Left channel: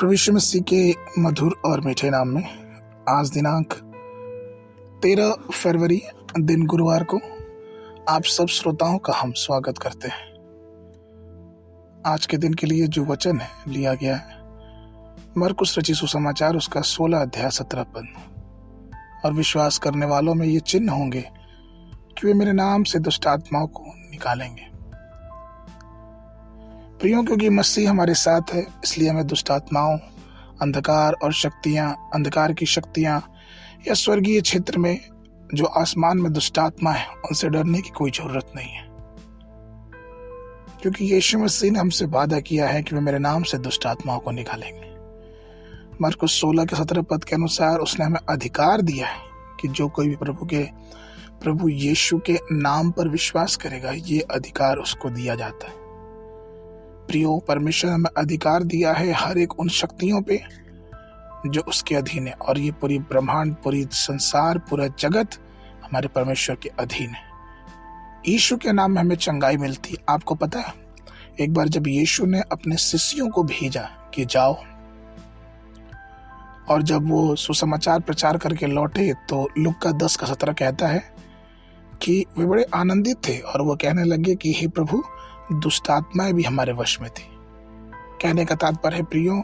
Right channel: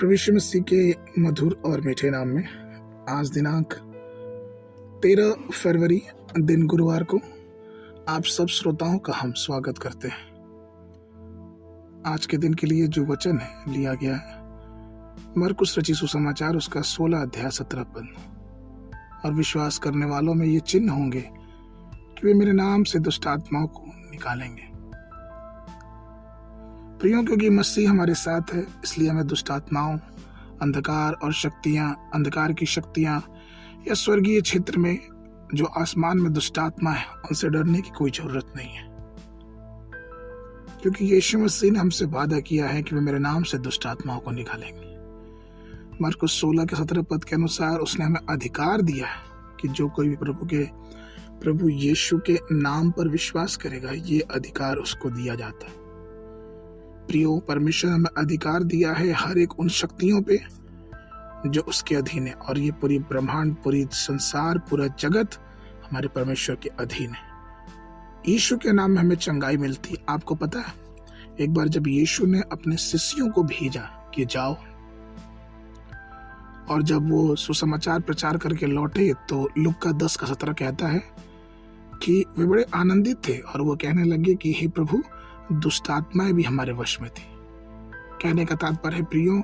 प्रभु यीशु मसीह के मधुर और मीठे नाम में आज दिनांक 13 फरवरी दिन गुरुवार को आप सब श्रोताओं का हम स्वागत करते हैं। आज के दिन के लिए जो वचन है लिया गया है मरकुस रचित सुसमाचार उसका 16 अध्याय 17 पद। और विश्वास करने वालों में ये चिन्ह होंगे कि वे मेरे नाम से दुष्ट आत्माओं को निकालेंगे। प्रियों, क्योंकि मसीह हमारे साथ है इसलिए हमें दुष्ट आत्माओं, अंधकार की शक्तियां या स्वर्गीय क्षेत्र में जो आसमान में दुष्ट आत्मा है उनसे डरने की कोई जरूरत नहीं है, क्योंकि यीशु मसीह ने हमसे वादा किया है कि वे मेरे नाम से दुष्ट आत्माओं को निकालेंगे। मरकुस 16 के 17 पद के अनुसार उसने हमें अधिकार दिया कि जो कोई भी प्रभु यीशु के नाम पर विश्वास करेगा ये अधिकार उसको दिया जाता है। प्रियो, परमेश्वर हमें अधिकार दिया है हर एक उन शक्तियों पे जो उसके अधीन है, और ये पूरी ब्रह्मांड, पूरी संसार, पूरा जगत हमारे परमेश्वर के अधीन है। यीशु के नाम में हमें चंगाई मिलती। आपको पता है, एक बार जब यीशु ने अपने शिष्यों को भेजा कि जाओ, और जब वो सुसमाचार प्रचार करके लौटे तो लूका 10 का 17 कहता है कि वे बड़े आनंदित थे और वो कहने लगे कि हे प्रभु, दुष्ट आत्माएं भी हमारे वश में थी। कहने का तात्पर्य है प्रियो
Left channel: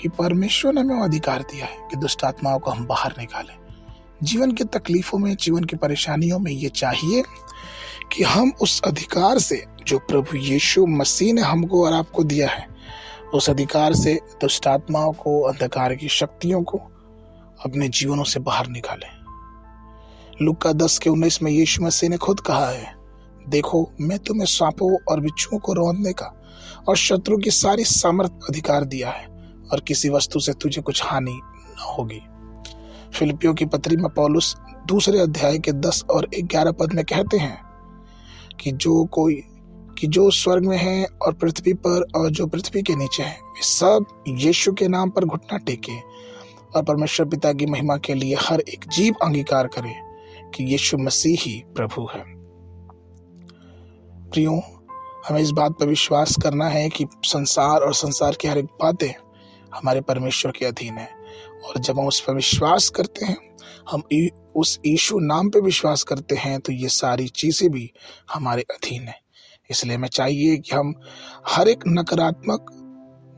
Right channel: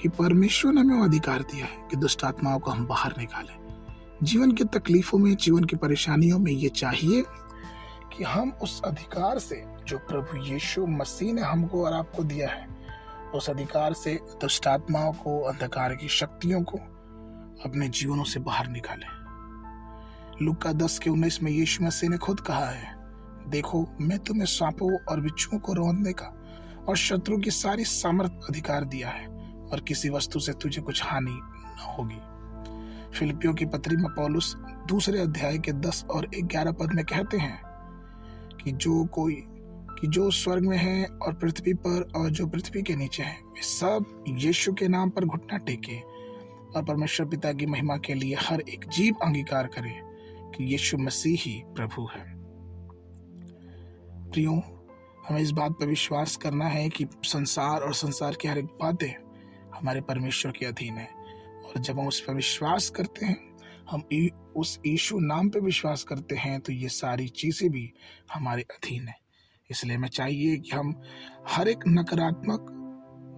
कि परमेश्वर ने हमें अधिकार दिया है कि दुष्ट आत्माओं को हम बाहर निकालें। जीवन की तकलीफों में, जीवन की परेशानियों में ये चाहिए कि हम उस अधिकार से जो प्रभु यीशु मसीह ने हमको और आपको दिया है, उस अधिकार से दुष्ट आत्माओं को, अंधकार की शक्तियों को अपने जीवनों से बाहर निकालें। लूका 10 के 19 में यीशु मसीह ने खुद कहा है, देखो मैं तुम्हें सांपों और बिच्छुओं को रौंदने का और शत्रु की सारी सामर्थ अधिकार दिया है, और किसी वस्तु से तुझे कुछ हानि न होगी। फिलिपियों की पत्री में पौलुस 2 अध्याय के 10 और 11 पद में कहते हैं कि जो स्वर्ग में है और पृथ्वी पर और जो पृथ्वी के नीचे है, वे सब यीशु के नाम पर घुटना टेके और परमेश्वर पिता की महिमा के लिए हर एक जीव अंगीकार करे कि यीशु मसीह ही प्रभु है। प्रियो, हमें इस बात पर विश्वास करना है कि संसार और संसार की हर एक बातें हमारे परमेश्वर के अधीन है, और जब हम उस पर विश्वास करते हैं, हम उस यीशु नाम पे विश्वास करते हैं, तो ये सारी चीजें भी हमारे अधीन है। इसलिए हमें चाहिए कि हम हर एक नकारात्मक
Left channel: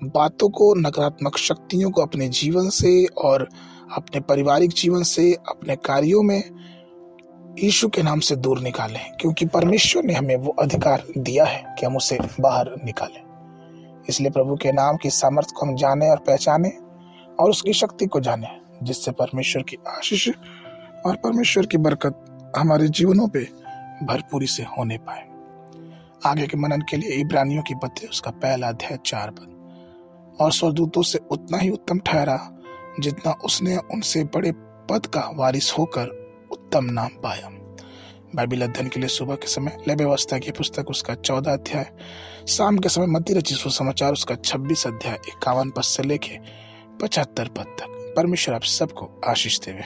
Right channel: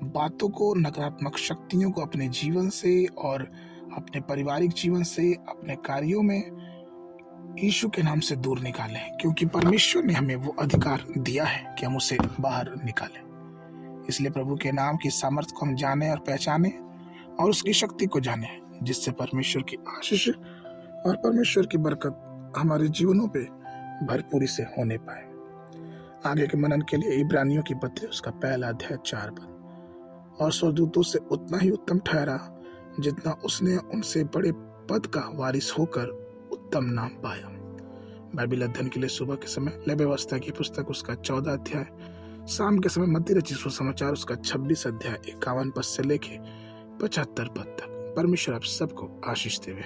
बातों को, नकारात्मक शक्तियों को अपने जीवन से और अपने पारिवारिक जीवन से, अपने कार्यों में यीशु के नाम से दूर निकालें, क्योंकि परमेश्वर ने हमें वो अधिकार दिया है कि हम उसे बाहर निकालें। इसलिए प्रभु के नाम की सामर्थ्य को हम जाने और पहचाने और उसकी शक्ति को जाने, जिससे परमेश्वर की आशीष और परमेश्वर की बरकत हमारे जीवनों पे भरपूरी से होने पाए। आगे के मनन के लिए इब्रानियों की पत्री उसका 1 अध्याय 4 पद। और स्वर्गदूतों से उतना ही उत्तम ठहरा जितना उसने उनसे बड़े पद का वारिस होकर उत्तम नाम पाया। बाइबल अध्ययन के लिए सुबह के समय लय व्यवस्था की पुस्तक उसका 14 अध्याय, शाम के समय मत्ती रचित सुसमाचार उसका 26 अध्याय 51 पद से लेके 75 पद तक। परमेश्वर आप सबको आशीष देवे।